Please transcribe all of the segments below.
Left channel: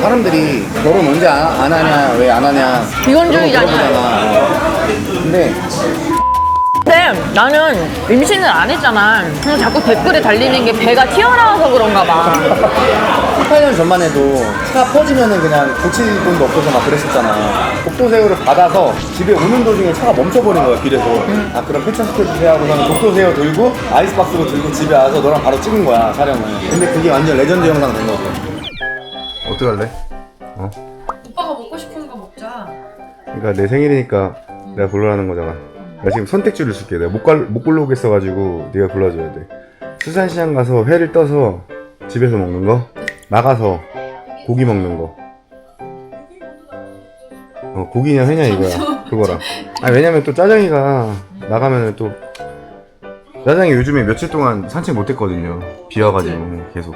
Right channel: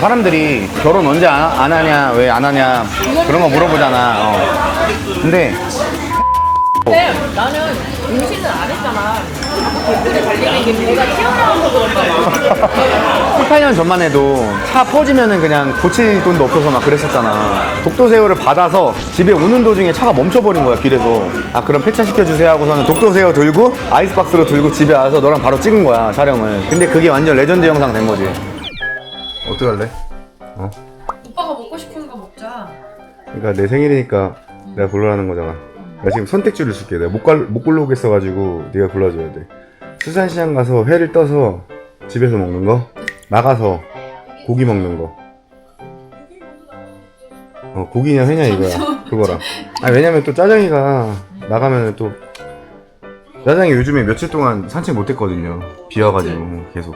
사람들이 결혼 언제 안 하냐, 왜 안 하냐 그런 거 물어보잖아. 근데 나는 임신을 안 했잖아. 그냥 자꾸 댓글에 달리는 게 배가 튀어나와서 그런가 봐. 18년 전만 해도 차 퍼지면은 그냥 고칠 돈도 없어서 막 그랬었잖아. 독도새우를 받아서 집에 오는 도중에 차가 멈춰버린 거야, 길에서. 아, 그럼 폐차시켜주세요 하고서는 독도새우 들고 아이스박스로 들고 집에 와서 너랑 바로 찍은 거야, 촬영을. 근데 그게 완전 레전드 영상 된 거지. 어떡할래? 오빠가 먹고 싶은 거 먹자. 그러니까 내 생일이니까 내가 골라라는 거잖아. 내가 지금 선택지를 줄게. 내가 못 골라오겠어가지고 네가 골라줘야 돼. 수산시장 가서 회를 떠서 집에서 먹는 거, 나가서 고기 먹는 거. 고기냐 회냐 이거야. 그거랑. 아, 왜냐면 또 짜장이가 나가면은 또 짜장이 요즘에 며칠 동안 산책 못했거든요. 비 와가지고 계속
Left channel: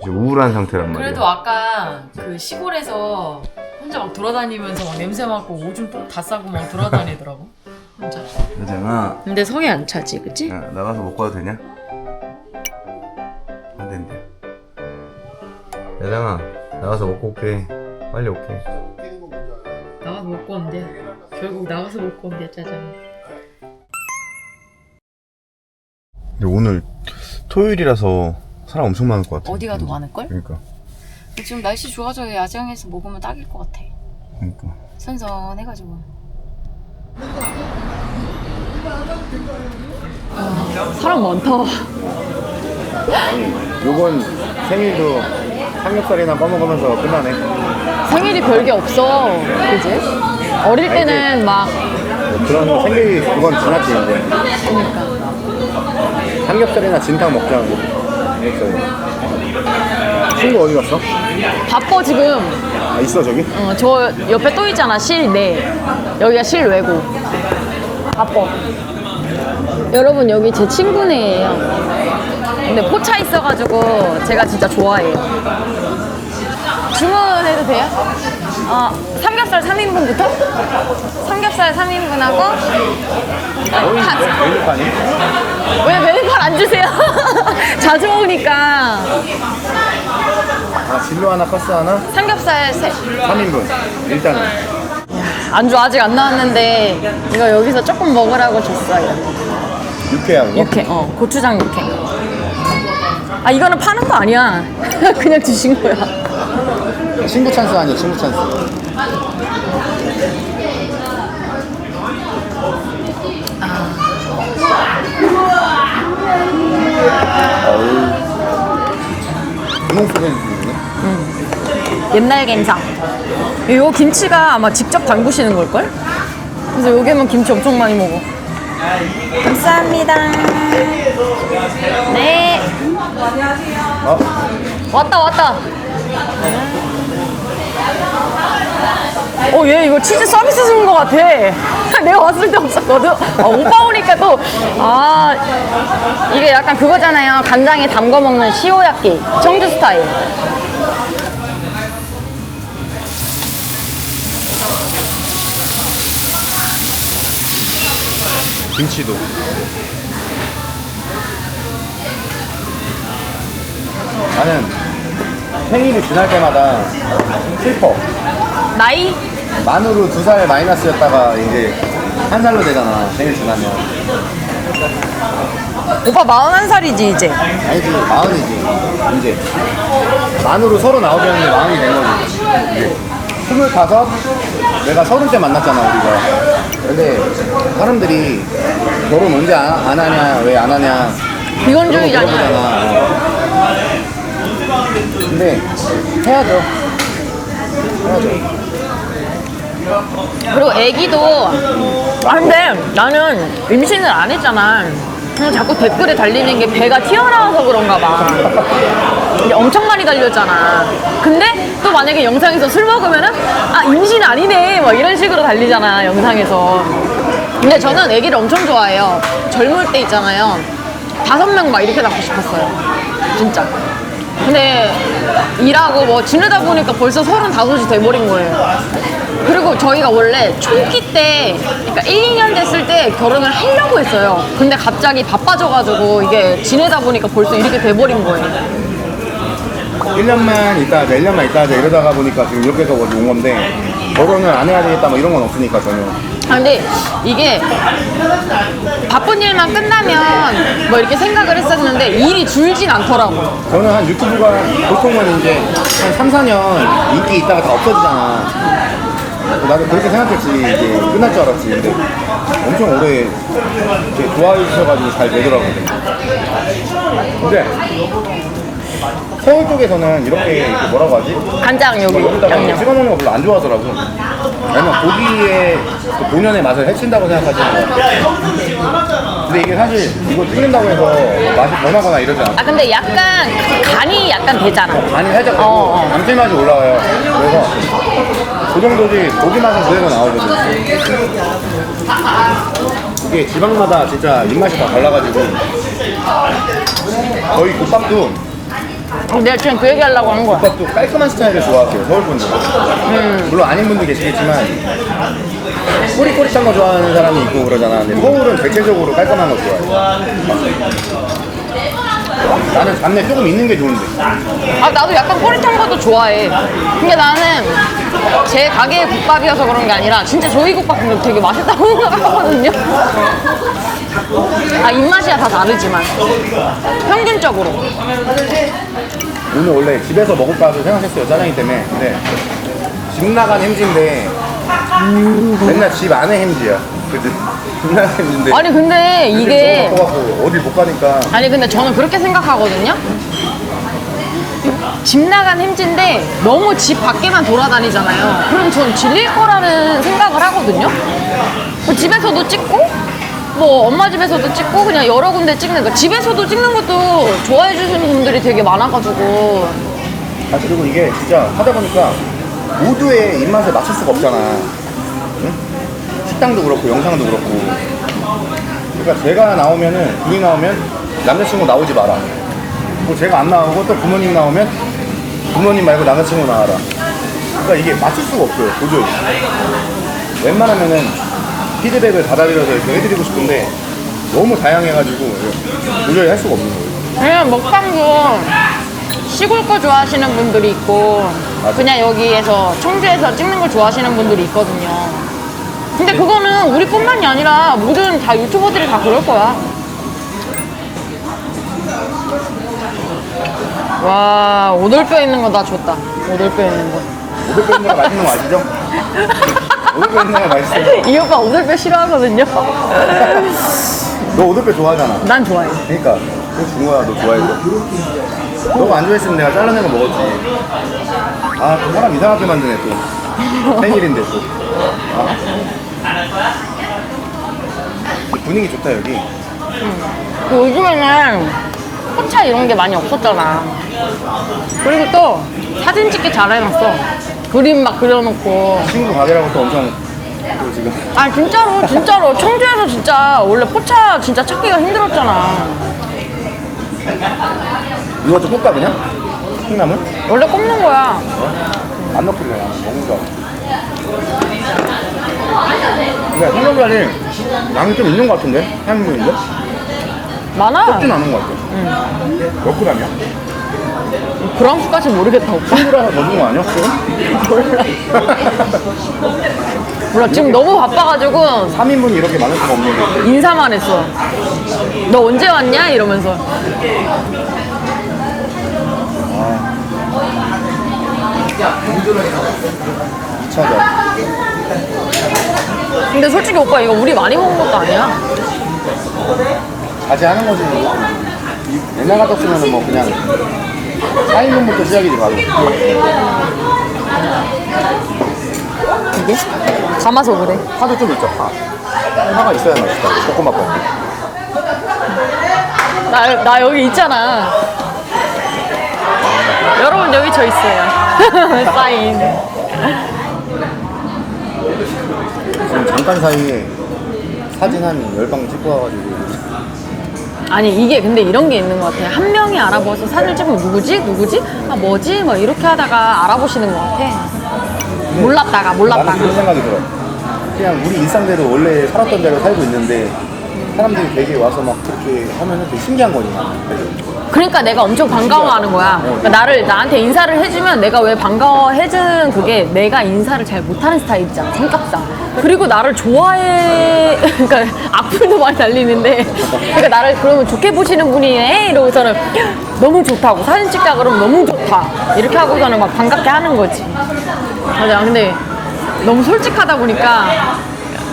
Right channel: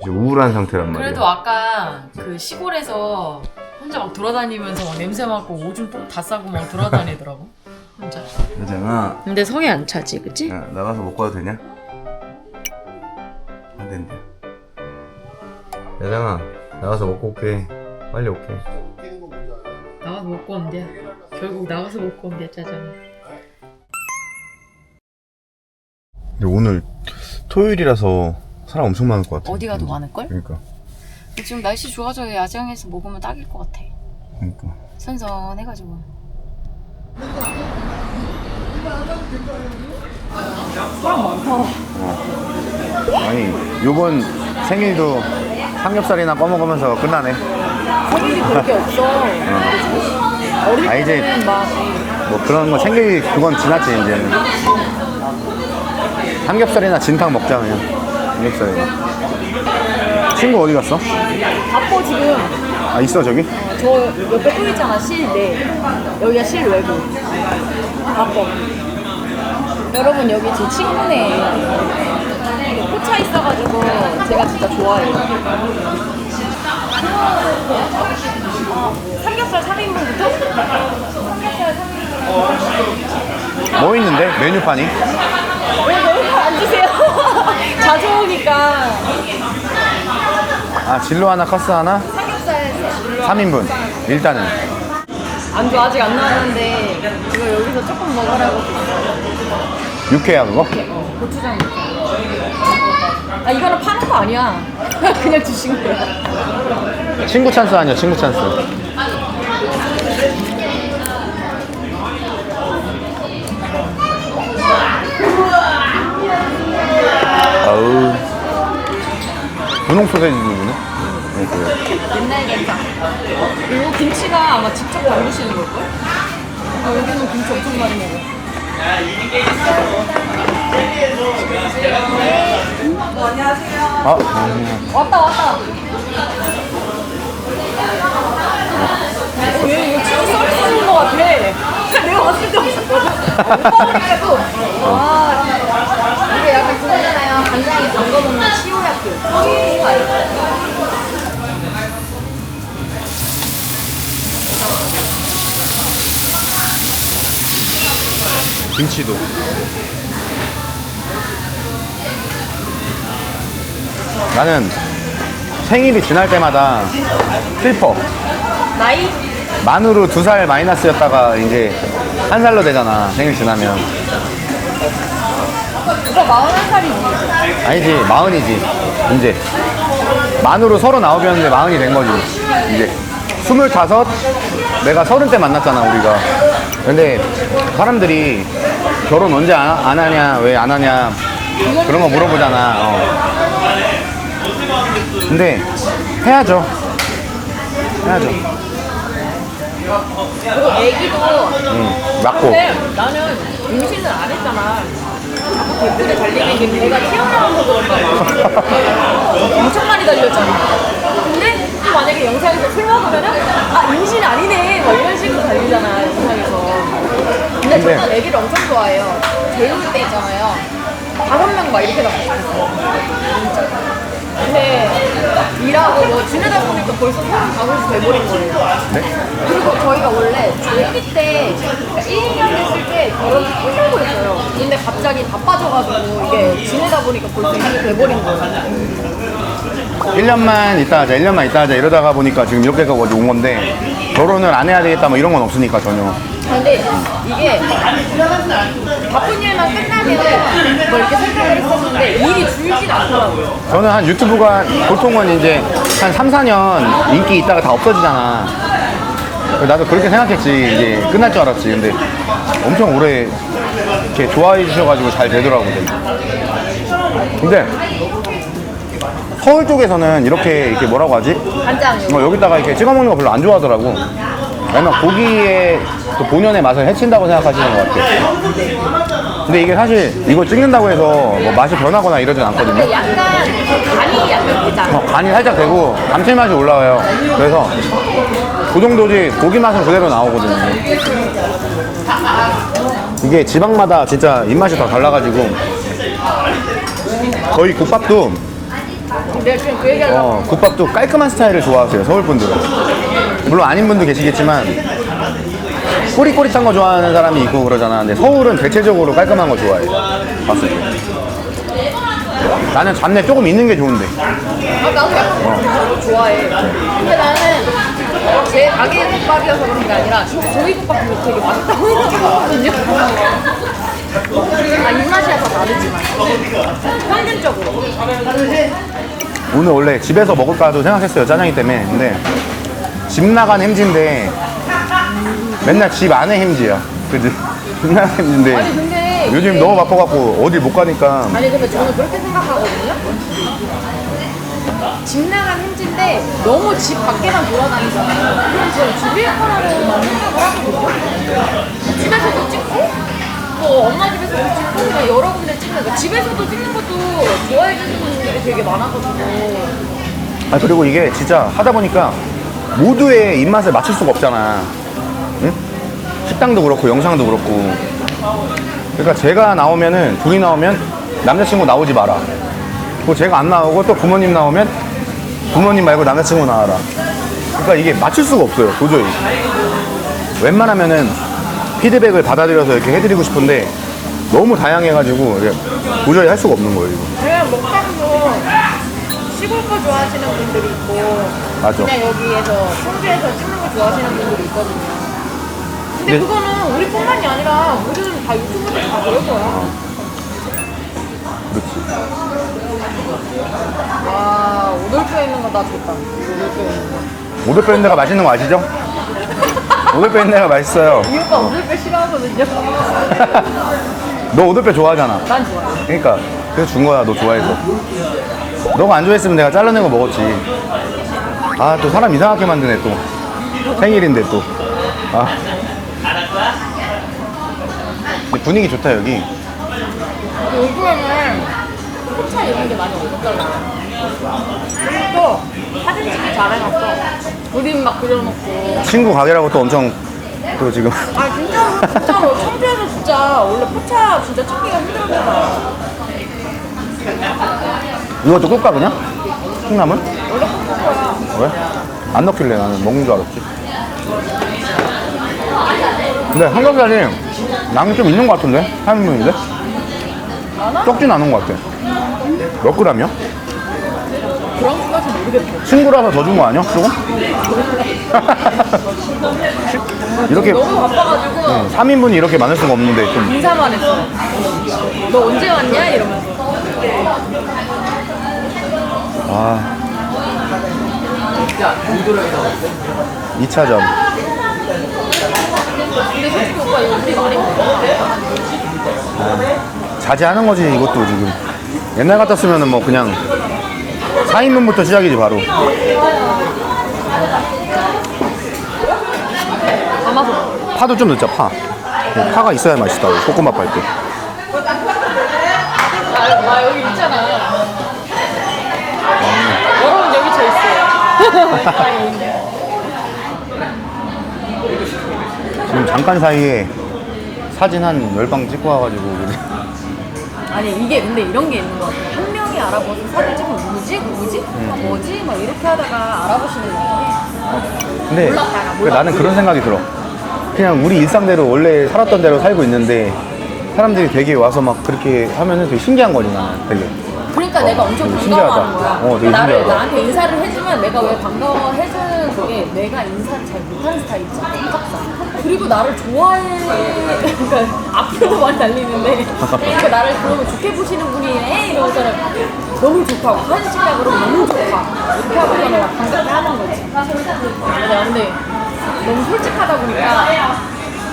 이제 우울한 상태란 말이야. 그래도 아까 그 시골에서 혼자 막 돌아다니면서 막 냄새 맡고 오줌 똥 다 싸고 막 돌아다니더라고. 혼자. 짜장아, 근데 성에 안 차지, 그치? 야, 나가서 먹고 와도 되냐? 안 된대요. 짜장아, 나가서 먹고 올게. 빨리 올게. 나가서 먹고 온대. 결국 나가서 먹고 온대 짜장이. 근데 오늘 토요일이라서 사람 엄청 많을 것 같아. 어디가 더 많을걸? 그러니까. 지금 날씨 좋아져야 야장에서 먹으면 딱일 것 같아. 그러니까. 선선해가지고. 사람 많다. 아니, 요번 생일도 삼겹살이나 꺼먹으면서 끝나네. 생일이 별게 없어. 그지? 어릴 때는 막 뭐 그런 거 챙길 그건 지났지 이제. 삼겹살이나 진탕 먹자. 삼겹살이. 친구 어디 갔어? 바꿔, 지금. 아, 있어 저기? 저 옆에 또 있잖아, 실내. 여기가 실외고. 바꿔. 여러분, 여기 제 친구네예요. 근데 포차 있어가지고 제가 진짜 좋아해요. 주문해도 돼요? 삼겹살 3인분부터? 삼겹살 3인분하고 뭐 있는데? 메뉴판이? 왜 메뉴판 안 주세요? 자주 먹으니까. 아, 진로 하나, 커스 하나, 삼겹살 3인분. 일단은. 안주 아직 안 나왔는데 이거 여기서 조금 먹으라고 줬어요. 육회야 그거? 육회, 고추장 육회. 아, 이거는 파는 거 아니야. 그냥 주신 거야. 친구 찬스 아니야, 친구 찬스. 어우. 분홍 소세지네. 옛날 게장. 이거 김치가 아마 직접 담그시는 걸걸? 그래서 여기는 김치 엄청 많이 먹어. 감사합니다. 네. 어? 왔다. 얘 이거 치즈 서비스 주는 거 같아. 내가 왔을 때 없었거든. 오빠 오니까 또. 이게 약간 그거잖아요. 간장에 담궈 먹는 시오야끼. 청주 스타일. 김치도. 나는 생일이 지날 때마다 슬퍼. 나이? 만으로 2살 마이너스였다가 이제 1살로 되잖아, 생일 지나면. 오빠 41살이지 이제. 아니지, 40이지 이제. 만으로 39이었는데 40이 된 거지 이제. 25, 내가 30대 만났잖아 우리가. 근데 사람들이 결혼 언제 안 하냐, 왜 안 하냐 그런 거 물어보잖아. 근데 해야죠. 그리고 애기도. 근데 나는 임신을 안 했잖아. 그냥 자꾸 댓글에 달리는 게 배가 튀어나와서 그런가 봐. 이게 엄청 많이 달렸잖아. 근데 또 만약에 영상에서 술 먹으면은 임신 아니네 막 이런 식으로 달리잖아, 영상에서. 근데 저는 애기를 엄청 좋아해요. 젊을 때 있잖아요, 5명 막 이렇게 낳고 싶었어요, 진짜. 근데 일하고 뭐 지내다 보니까 벌써 35이 돼버린 거예요. 그리고 저희가 원래 초기 때, 그러니까 1, 2년 됐을 때 결혼을 하려고 했어요. 근데 갑자기 바빠져가지고 이게 지내다 보니까 벌써 이렇게 돼버린 거예요. 1년만 있다 하자, 1년만 있다 하자 이러다가 보니까 지금 이렇게가 온 건데 결혼을 안 해야 되겠다 뭐 이런 건 없으니까 전혀. 아, 근데 이게 바쁜 일만 끝나면 뭐 이렇게 생각을 했었는데 일이 줄진 않더라고. 저는 한 유튜브가 보통은 이제 한 3, 4년 인기 있다가 다 없어지잖아. 나도 그렇게 생각했지. 이게 끝날 줄 알았지. 근데 엄청 오래 이렇게 좋아해 주셔가지고 잘 되더라고요. 근데 서울 쪽에서는 이렇게 뭐라고 하지? 간장 여기. 여기다가 이렇게 찍어 먹는 거 별로 안 좋아하더라고. 왜냐면 고기의 또 본연의 맛을 해친다고 생각하시는 것 같아요. 근데 이게 사실 이거 찍는다고 해서 뭐 맛이 변하거나 이러진 아, 않거든요. 근데 약간 간이 약간 되잖아. 간이 살짝 되고 감칠맛이 올라와요. 그래서 그 정도지 고기 맛은 그대로 나오거든요. 이게 지방마다 진짜 입맛이 다 달라가지고 저희 국밥도 내가 지금 그 얘기 하려고 한 거야. 국밥도 깔끔한 스타일을 좋아하세요, 서울 분들은. 물론 아닌 분도 계시겠지만 꼬릿꼬릿한 거 좋아하는 사람도 있고 그러잖아. 근데 서울은 대체적으로 깔끔한 거 좋아해. 나는 잡내 조금 있는 게 좋은데. 아, 나도 약간 꼬릿한 것도 좋아해. 근데 나는 제 가게 국밥이어서 그런 게 아니라 진짜 저희 국밥은 되게 맛있다고 생각하거든요. 아, 입맛이야 다 다르지만 평균적으로. 오늘 원래 집에서 먹을까도 생각했어요, 짜장이 때문에. 근데 집 나간 햄지인데 맨날 집 안에 햄지야. 그지? 집 나간 햄지인데 아니 근데 요즘 이게 너무 바빠갖고 어딜 못 가니까. 아니 근데 저는 그렇게 생각하거든요. 집 나간 햄지인데 너무 집 밖에만 돌아다니잖아요. 그럼 저는 질릴 거라는 생각을 하거든요. 뭐 집에서도 찍고 뭐 엄마 집에서도 찍고 그냥 여러 군데 찍는 거. 집에서도 찍는 것도 좋아해 주시는 분들이 되게 많아가지고. 아 그리고 이게 진짜 하다 보니까 모두의 입맛에 맞출 수가 없잖아. 응? 식당도 그렇고 영상도 그렇고. 그러니까 제가 나오면은 둘이 나오면 남자친구 나오지 마라. 그리고 제가 안 나오고 또 부모님 나오면 부모님 말고 남자친구 나와라. 그러니까 이게 맞출 수가 없어요, 도저히. 웬만하면은 피드백을 받아들여서 이렇게 해드리고 싶은데 너무 다양해가지고 이게 도저히 할 수가 없는 거예요. 그냥 먹방도 시골 거 좋아하시는 분들이 있고 맞아. 그냥 여기에서 청주에서 찍는 거 좋아하시는 분들이 있거든요. 근데 네. 그거는 우리뿐만이 아니라 모든 다 유튜버들이 다 그럴 거야. 와, 오돌뼈 있는 거 나 줬다. 오돌뼈 있는 거. 오돌뼈 있는 데가 맛있는 거 아시죠? 오돌뼈 있는 데가 맛있어요. 이 오빠 오돌뼈 싫어하거든요. 너 오돌뼈 좋아하잖아. 난 좋아해. 그러니까 그래서 준 거야, 너 좋아해서. 너가 안 좋아했으면 내가 잘라낸 거 먹었지. 아, 또 사람 이상하게 만드네, 또. 생일인데 또. 아. 분위기 좋다, 여기. 요즘에는 포차 이런 게 많이 없었잖아. 그리고 또 사진 찍기 잘 해놨어. 그림 막 그려놓고. 친구 가게라고 또 엄청 또 지금. 아 진짜로 진짜로 청주에서 진짜 원래 포차 진짜 찾기가 힘들었잖아. 누가 또 꿀까, 그냥? 콩나물? 원래 꼽는 거야. 왜? 안 넣길래 나는 먹는 줄 알았지. 근데 삼겹살이 양이 좀 있는 것 같은데? 3인분인데? 많아. 적진 않은 것 같아. 몇 그램이야? 그런 수까지 모르겠다고. 친구라서 더 준 거 아니야? 그거? 몰라, 지금 이렇게- 너무 바빠가지고 3인분이 이렇게 많을 수가 없는데. 인사만 했어. 너 언제 왔냐? 이러면서. 아. 2차전. 근데 솔직히 오빠 이거 우리 많이 먹은 것도 아니야? 자제하는 거지, 이것도 지금. 옛날 같았으면은 뭐 그냥 4인분부터 시작이지, 바로. 이게? 감아서 그래. 파도 좀 넣자, 파. 파가 있어야 맛있더라고, 볶음밥 할 때. 나 여기 있잖아. 여러분 여기 저 있어요. 사인. 지금 잠깐 사이에 사진 한 10방 찍고 와가지고. 아니 이게 근데 이런 게 있는 것 같아. 한 명이 알아보서 사진 찍으면 누구지? 누구지? 아 뭐지? 뭐 이렇게 하다가 알아보시는 것 같아. 근데 몰랐다가. 나는 그런 생각이 들어. 그냥 우리 일상대로 원래 살았던 대로 살고 있는데 사람들이 되게 와서 막 그렇게 하면은 되게 신기한 거지, 되게. 그러니까 내가 엄청 반가워하는 거야. 되게 신기하다. 나한테 인사를 해주면 내가 왜 반가워해주는 그게 내가 인사를 잘 못하는 스타일이잖아. 성격상. 그리고 나를 좋아해. 그러니까 앞으로 말 날리는데 그러니까 나를 그러면 좋게 보시는 분이네 이러고서는 너무 좋다고 사진 찍자 그러면 너무 좋다 이렇게 하고서는 막 반갑게 하는 거지. 맞아. 근데 너무 솔직하다 보니까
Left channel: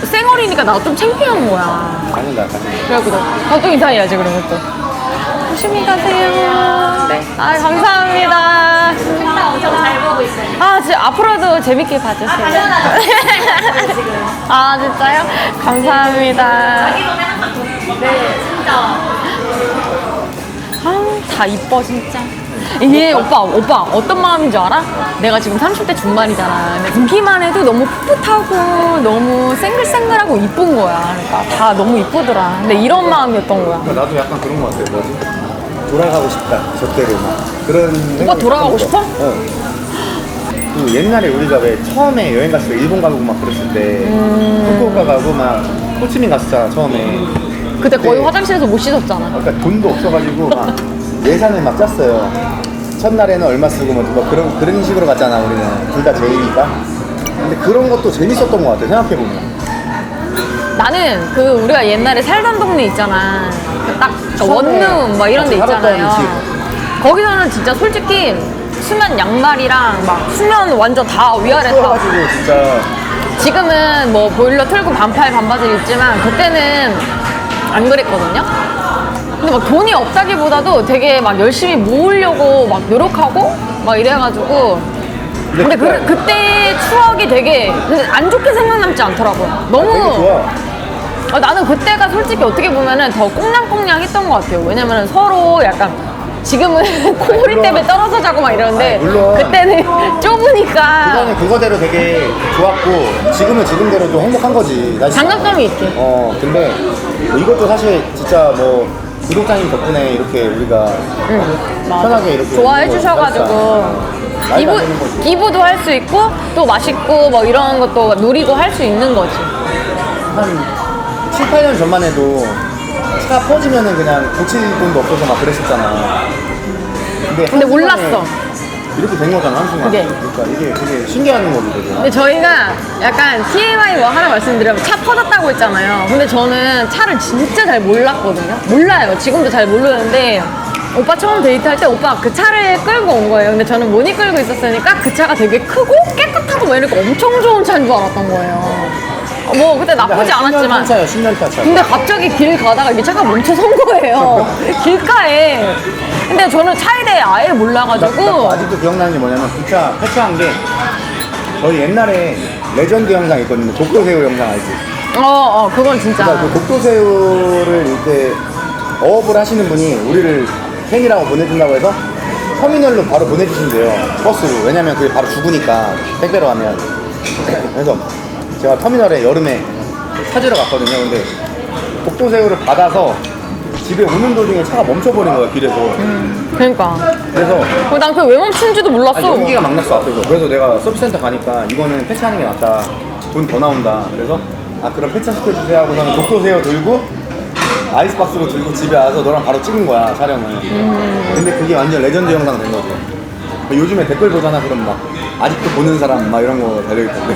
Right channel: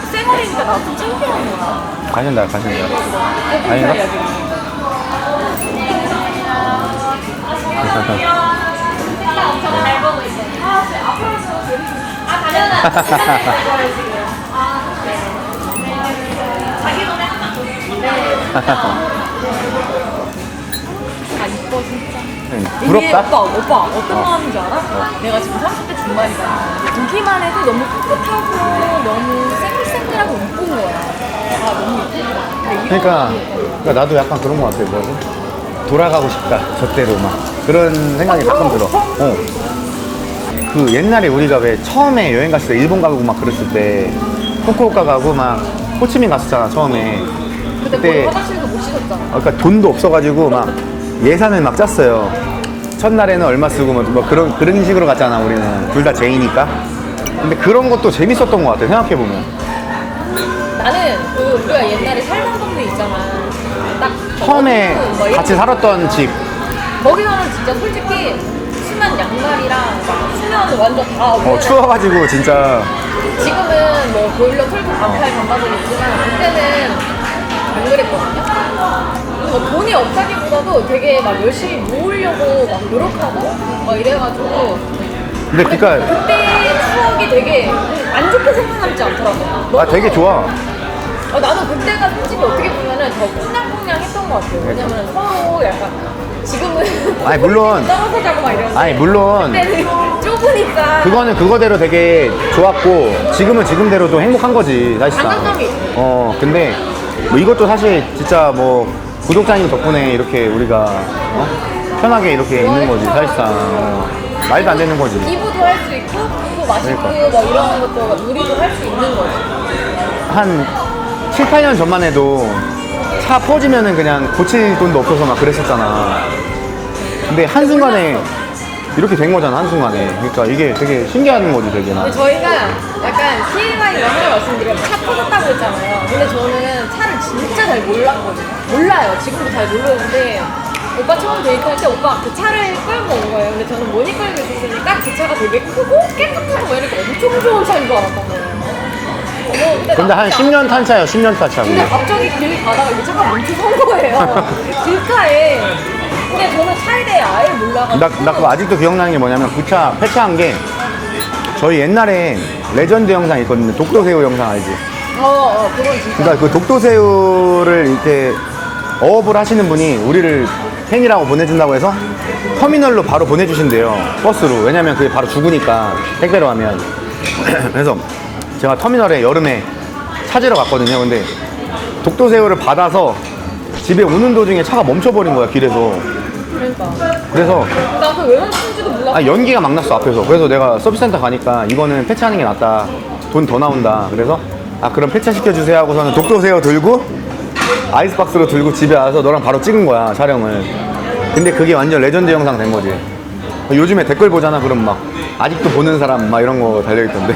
쌩얼이니까 나가 좀 창피한 거야. 가신다. 그래갖고 또 인사해야지 그러면 또. 조심히 가세요. 네. 아 감사합니다. 엄청 잘 보고 있어요. 아 진짜 앞으로도 재밌게 봐주세요. 아 진짜요? 감사합니다. 네 진짜. 다 이뻐 진짜. 이게 오빠 어떤 마음인 줄 알아? 내가 지금 30대 중반이잖아. 근데 보기만 해도 너무 풋풋하고 너무 생글생글하고 이쁜 거야. 다 너무 이쁘더라. 근데 이런 마음이었던 거야. 그러니까 나도 약간 그런 거 같아. 그래서 돌아가고 싶다. 저때로 막 그런 생각이 돌아가고 가끔 들어. 싶어? 그 옛날에 우리가 왜 처음에 여행 갔을 때 일본 가고 막 그랬을 때 후쿠오카 가고 막 호치민 갔었잖아 처음에. 그때 거의 그때 화장실에서 못 씻었잖아. 그러니까 돈도 없어가지고 막 예산을 막 짰어요. 첫날에는 얼마 쓰고 뭐 그런 식으로 갔잖아. 우리는 둘 다 제이니까. 근데 그런 것도 재밌었던 것 같아. 생각해보면. 나는 그 우리가 옛날에 살던 동네 있잖아. 딱저 처음에 원룸 막 이런 같이 데 살았던 있잖아요. 집. 거기서는 진짜 솔직히 수면 양말이랑 막 수면 완전 다 위아래 다. 추워가지고 진짜. 지금은 뭐 보일러 틀고 반팔 반바지 입지만 그때는 안 그랬거든요. 근데 막 돈이 없다기보다도 되게 막 열심히 모으려고 막 노력하고 막 이래가지고. 근데 근데 그러니까 그때 추억이 되게 안 좋게 생각남지 않더라고. 너무 되게 좋아. 나는 그때가 솔직히 어떻게 보면은 더 꽁냥꽁냥했던 것 같아요. 왜냐면은 서로 약간 지금은 콧물 물론. 때문에 떨어져 자고 막 이러는데 아니, 물론. 그때는 좁으니까 그거는 그거대로 되게 좋았고 지금은 지금대로 또 행복한 거지. 사실. 장단점이 있지. 근데 뭐 이것도 사실 진짜 뭐 구독자님 덕분에 이렇게 우리가 편하게 이렇게 좋아해 있는 거지, 주셔가지고 사실상. 말도 안 되는 거지. 기부도 할 수 있고 또 맛있고 뭐 이런 것도 누리고 할 수 있는 거지. 한 7, 8년 전만 해도 차 퍼지면은 그냥 고칠 돈도 없어서 막 그랬었잖아. 근데 한순간에 몰랐어. 이렇게 된 거잖아, 한순간에. 네. 그러니까 이게 되게 신기한 거지, 되게. 근데 저희가 약간 TMI를 하나 말씀드리면 차 퍼졌다고 했잖아요. 근데 저는 차를 진짜 잘 몰랐거든요. 몰라요. 지금도 잘 모르는데 오빠 처음 데이트할 때 오빠 그 차를 끌고 온 거예요. 근데 저는 모니 끌고 있었으니까 그 차가 되게 크고 깨끗하고 막 이렇게 엄청 좋은 차인 줄 알았던 거예요. 뭐 그때 근데 한 나쁘지 10년 않았지만 탄 차예요, 10년 탄 차. 근데 갑자기 길 가다가 이 차가 멈춰 선 거예요. 길가에. 근데 저는 차에 대해 아예 몰라가지고. 나 아직도 기억나는 게 뭐냐면 그 차 폐차한 게 저희 옛날에 레전드 영상 있거든요. 독도새우 영상 알지? 그건 진짜. 그러니까 그 독도새우를 이때 어업을 하시는 분이 우리를 팬이라고 보내준다고 해서 터미널로 바로 보내주신대요. 버스로. 왜냐면 그게 바로 죽으니까 택배로 하면. 그래서 제가 터미널에 여름에 찾으러 갔거든요. 근데 독도새우를 받아서 집에 오는 도중에 차가 멈춰버린 거야, 길에서. 그러니까. 그래서 난 그게 왜 멈춘지도 몰랐어. 연기가 막 났어, 앞에서. 그래서 내가 서비스센터 가니까 이거는 폐차하는 게 낫다. 돈 더 나온다. 그래서 그럼 폐차 시켜주세요 하고서는 독도새우 들고 아이스박스로 들고 집에 와서 너랑 바로 찍은 거야, 촬영을. 근데 그게 완전 레전드 영상 된 거지. 요즘에 댓글 보잖아. 그럼 막 아직도 보는 사람 막 이런 거 달려있던데.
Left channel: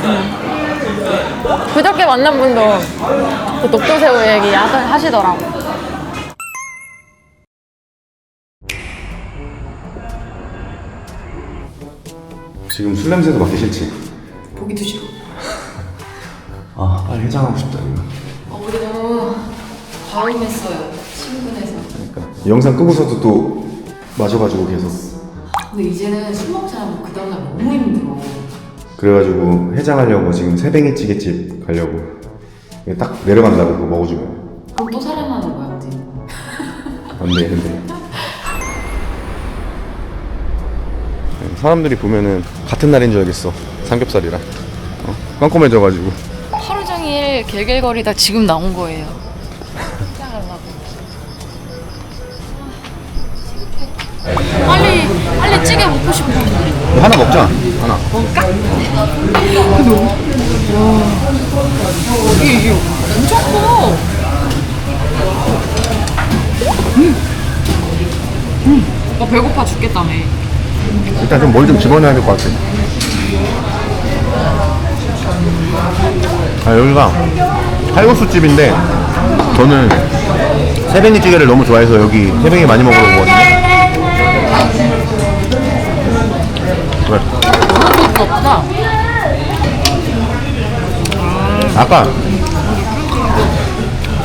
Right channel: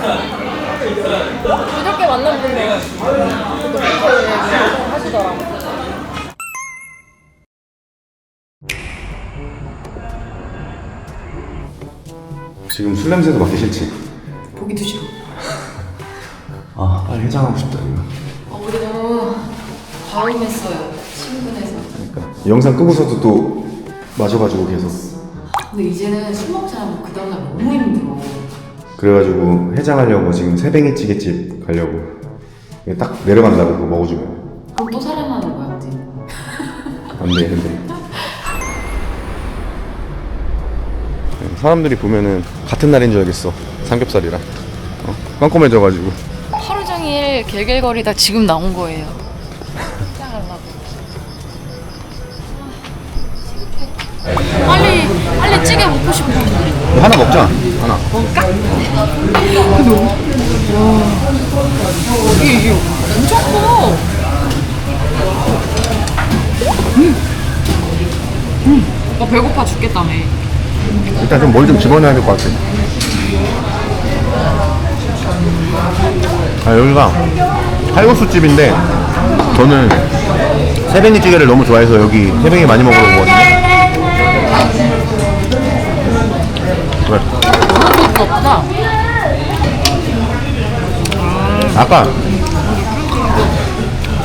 그저께 만난 분도 그 독도새우 얘기 하시더라고. 지금 술 냄새도 맡기 싫지? 보기도 싫어. 빨리 해장하고 싶다 이거. 우리 너무 과음했어요. 친근해서. 그러니까 영상 끄고서도 또 마셔가지고 계속. 근데 이제는 술 먹지 않으면 그 다음날 너무 힘들어. 그래가지고 해장하려고 지금 새뱅이 찌개집 가려고. 딱 내려간다고 그거 먹어주면. 그럼 또 사랑하는 거야, 이제. 안돼 근데 사람들이 보면은 같은 날인 줄 알겠어. 삼겹살이랑 깜깜해져가지고. 하루 종일 갤갤거리다 지금 나온 거예요. 빨리 찌개 먹고 싶어. 하나 먹자. 하나. 먹을까? 이게 엄청 커. 오빠 배고파 죽겠다며. 일단 좀 뭘 좀 집어넣어야 될 것 같아. 아, 여기가 칼국수집인데 저는 새뱅이찌개를 너무 좋아해서 여기 새뱅이 많이 먹으러 오거든요. 왜? 아무것도 없다. 아까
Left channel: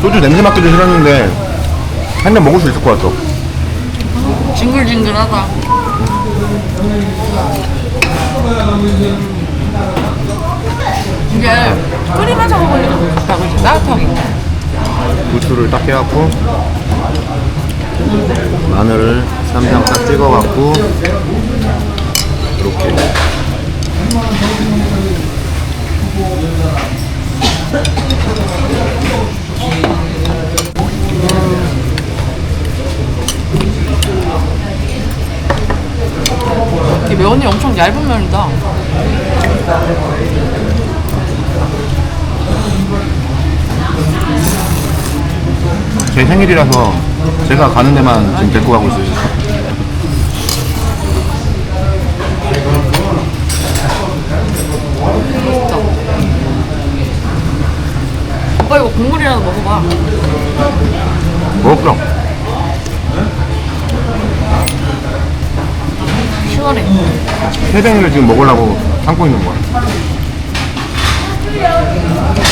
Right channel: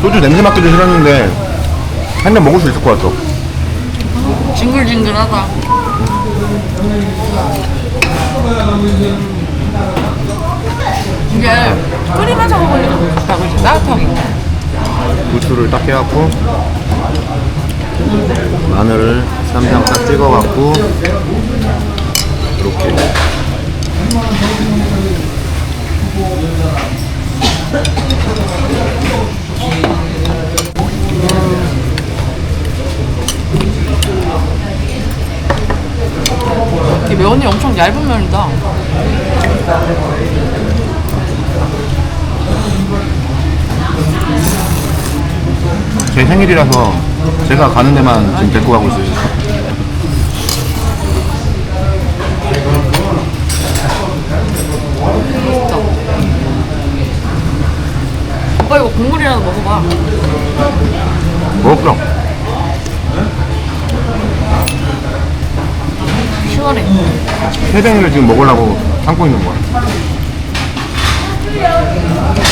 소주 냄새 맡기도 싫었는데 한 잔 먹을 수 있을 것 같아. 징글징글하다. 이게 끓이면서 먹으니까 더 좋다, 그치? 따뜻하게. 부추를 딱 해갖고 마늘을 쌈장 딱 찍어갖고 이렇게 이 면이 엄청 얇은 면이다. 제 생일이라서 제가 가는 데만 지금 데리고 가고 있어요. 맛있다. 오빠 이거 국물이라도 먹어봐. 먹을까? 시원해. 새뱅이를 지금 먹으려고 참고 있는 거야.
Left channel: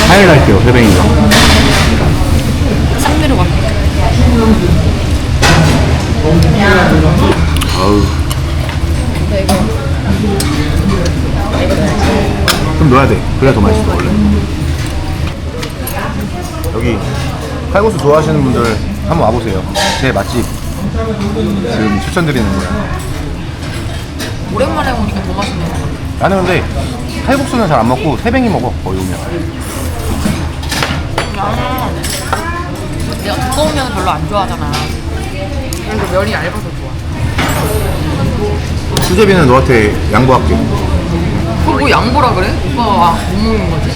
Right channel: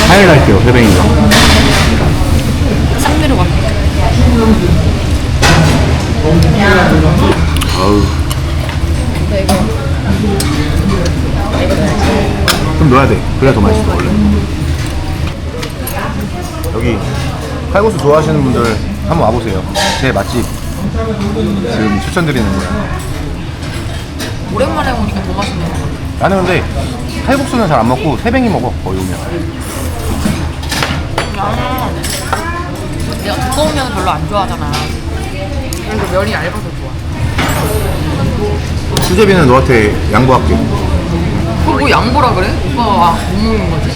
하이라이트요, 새뱅이가. 싹 내려가. 아우. 좀 넣어야 돼. 그래야 더 맛있어, 원래. 여기 칼국수 좋아하시는 분들 한번 와보세요. 제 맛집 지금 추천드리는 거야. 오랜만에 오니까 더 맛있네. 나는 근데 칼국수는 잘 안 먹고 새뱅이 먹어, 거기 오면. 내가 두꺼운 면을 별로 안 좋아하잖아. 그래서 면이 얇아서 좋아. 수제비는 너한테 양보할게. 그거 뭐 양보라 그래? 오빠가 못 먹는 거지?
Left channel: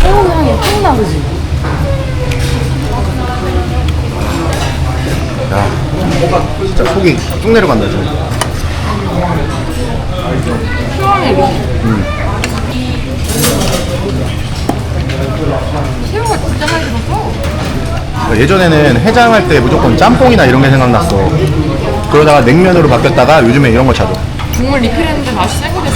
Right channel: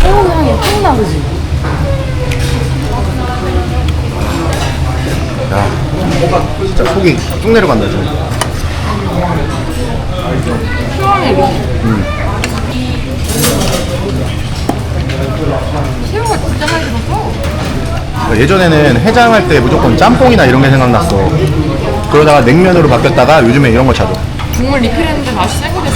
새우 향이 확 나그지? 야, 진짜 속이 쭉 내려간다, 지금. 시원해 이거. 새우가 진짜 많이 들었어. 예전에는 해장할 때 무조건 짬뽕이나 이런 게 생각났어. 그러다가 냉면으로 바뀌었다가 요즘에 이런 거 찾아. 국물 리필했는데 다시 새우가